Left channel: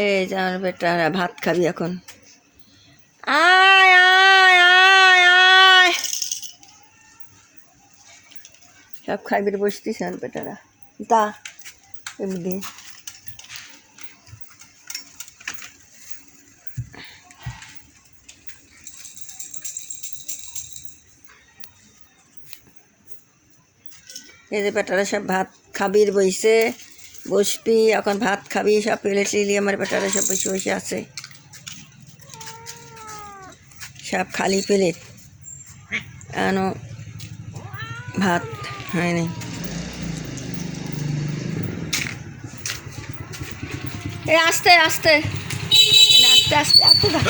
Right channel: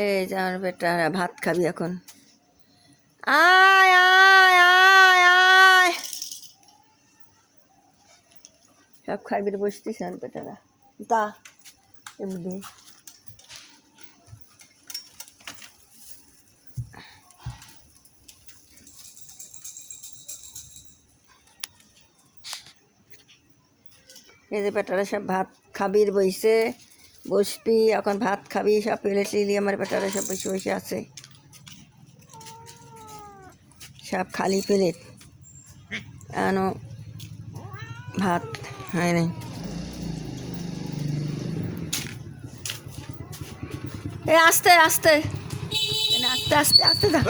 এই যে আমার বেটারা ভাত খাবি এখন। আয় আয় আয় আয়, সব খাবি বসতিস আমার বেটারা। তা এমনি এই যে বেটারা সব ভাত খাবির বইছে, বসবি এখন ভাত খাবি, সব প্লেট লিয়ে আমার বেটারা সব বসে বসে আছে, সব খালি প্লেট, এনো ভাত হয় নাই। এই আস্তে আস্তে আস্তে আস্তে আস্তে দা।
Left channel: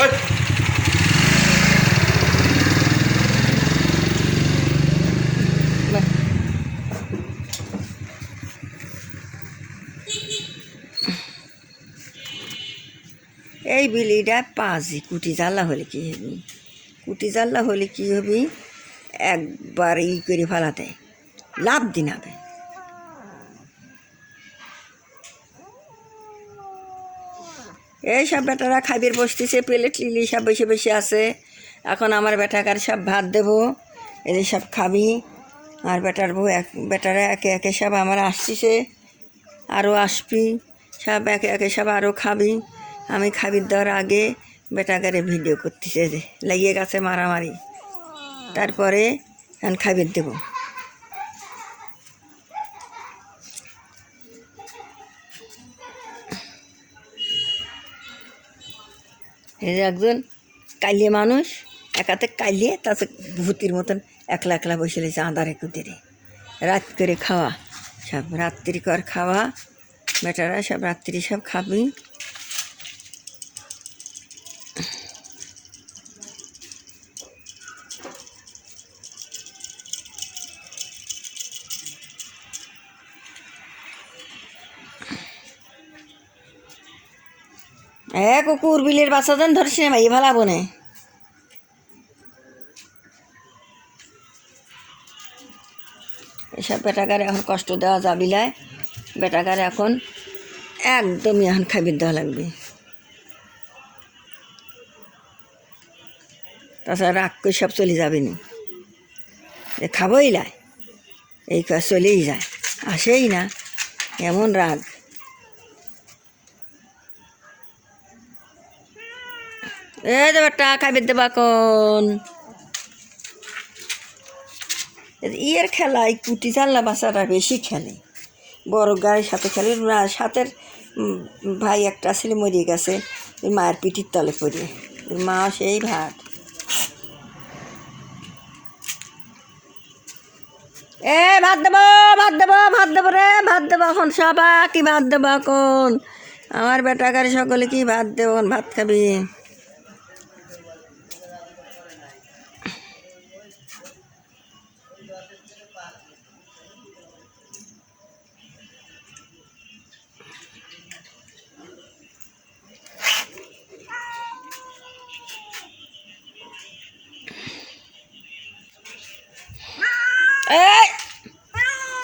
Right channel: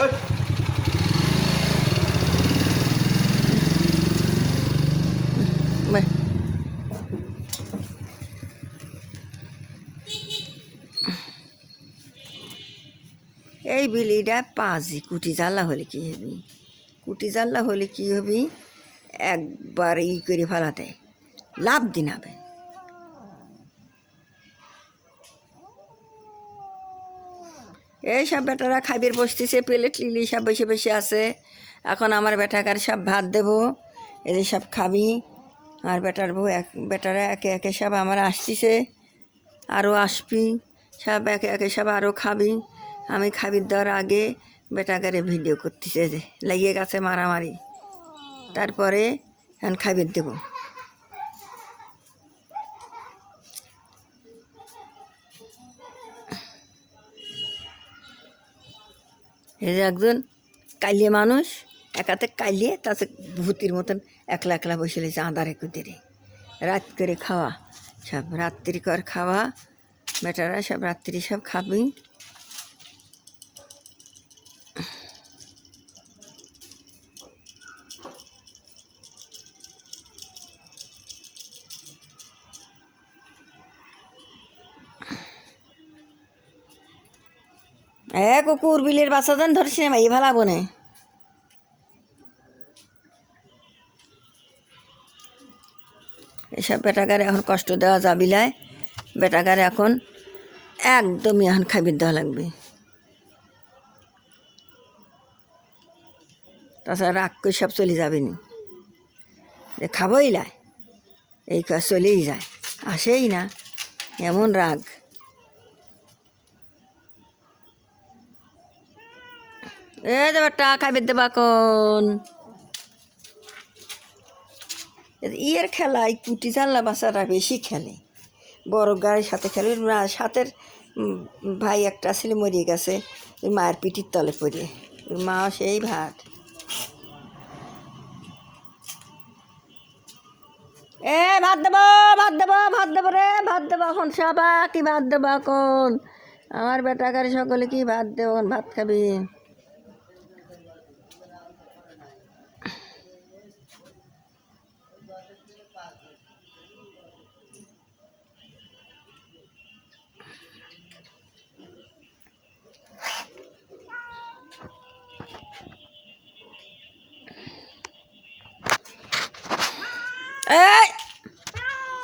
এই বিলিটা পাজি কুটি জ্বালা হলে কি হবি, কুটি জ্বালা হলে কি হবি, একবার ই করে ফেলাতে লাভ দিনাবে। এই সব বেটারা খাবির বসতেছে, প্লেট লিলি সব বসে বসে আছে। এখন আমার বেটাকার সব ভাত দেবো, এদের সব খাবি। আর বেটার বউ বেটারা একে একে সব আমার আসতেছে, আরও আসবি, সব একে একে সব আরও খাবি। আমি খাবির দেওয়ার আগে বেটাকারে ভিডিও করতেছে, যে লাগিয়ে গেছে মারামারি, তারপরে এখন খাবির দেবো। এই যে একজন কালিয়ে মানুষ, একাতে কালিয়ে তাতে ভূতির মতন একলা একলা বসে লেছে আঁধারে কুতিরে, রাত করে খাওয়া, সব রাত্রি কর খাওয়া, বেটারা সব রাত্রি সব খাবি। কুকুর বিলের বাচ্চা জন ধরছি না ভাই, ভালো বনে এসব বেটাকারে এখন কষ্ট দেওয়া যাবিলায়, বেটাকারে এখন একদমই এখন খাবির দেওয়া লাগবে, তাছাড়া রাগ করে সব চলে যাবে নি, খাবোই লাই এই কাজ চলেই যায়, আসেই না, এমন রাগ। এই যে বেটা খাবির দেবা কোন ইয়ের খেলায় কুটি চাল্লা বাচ্চারা বেশি খেলে, বড় গাড়ির সাথে খেলে। সাথের ভাই একটা ছিল মরিয়ে গেছে মায়ের পিঠির তলে পড়িয়ে, মা সেই ভাত। ভাত দেবো ভাত দেবো ভাত দেবো রে, ভাত দেবো এখন সবা কি ভাত দেবো এখন, আমার বেটা গাড়ি সকলে কি ভাত দেবো, ভাত খাবি।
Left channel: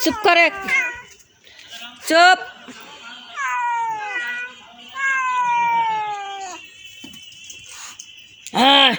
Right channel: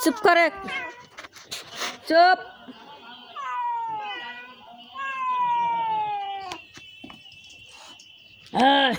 চুপ করে, চুপ। হ্যাঁ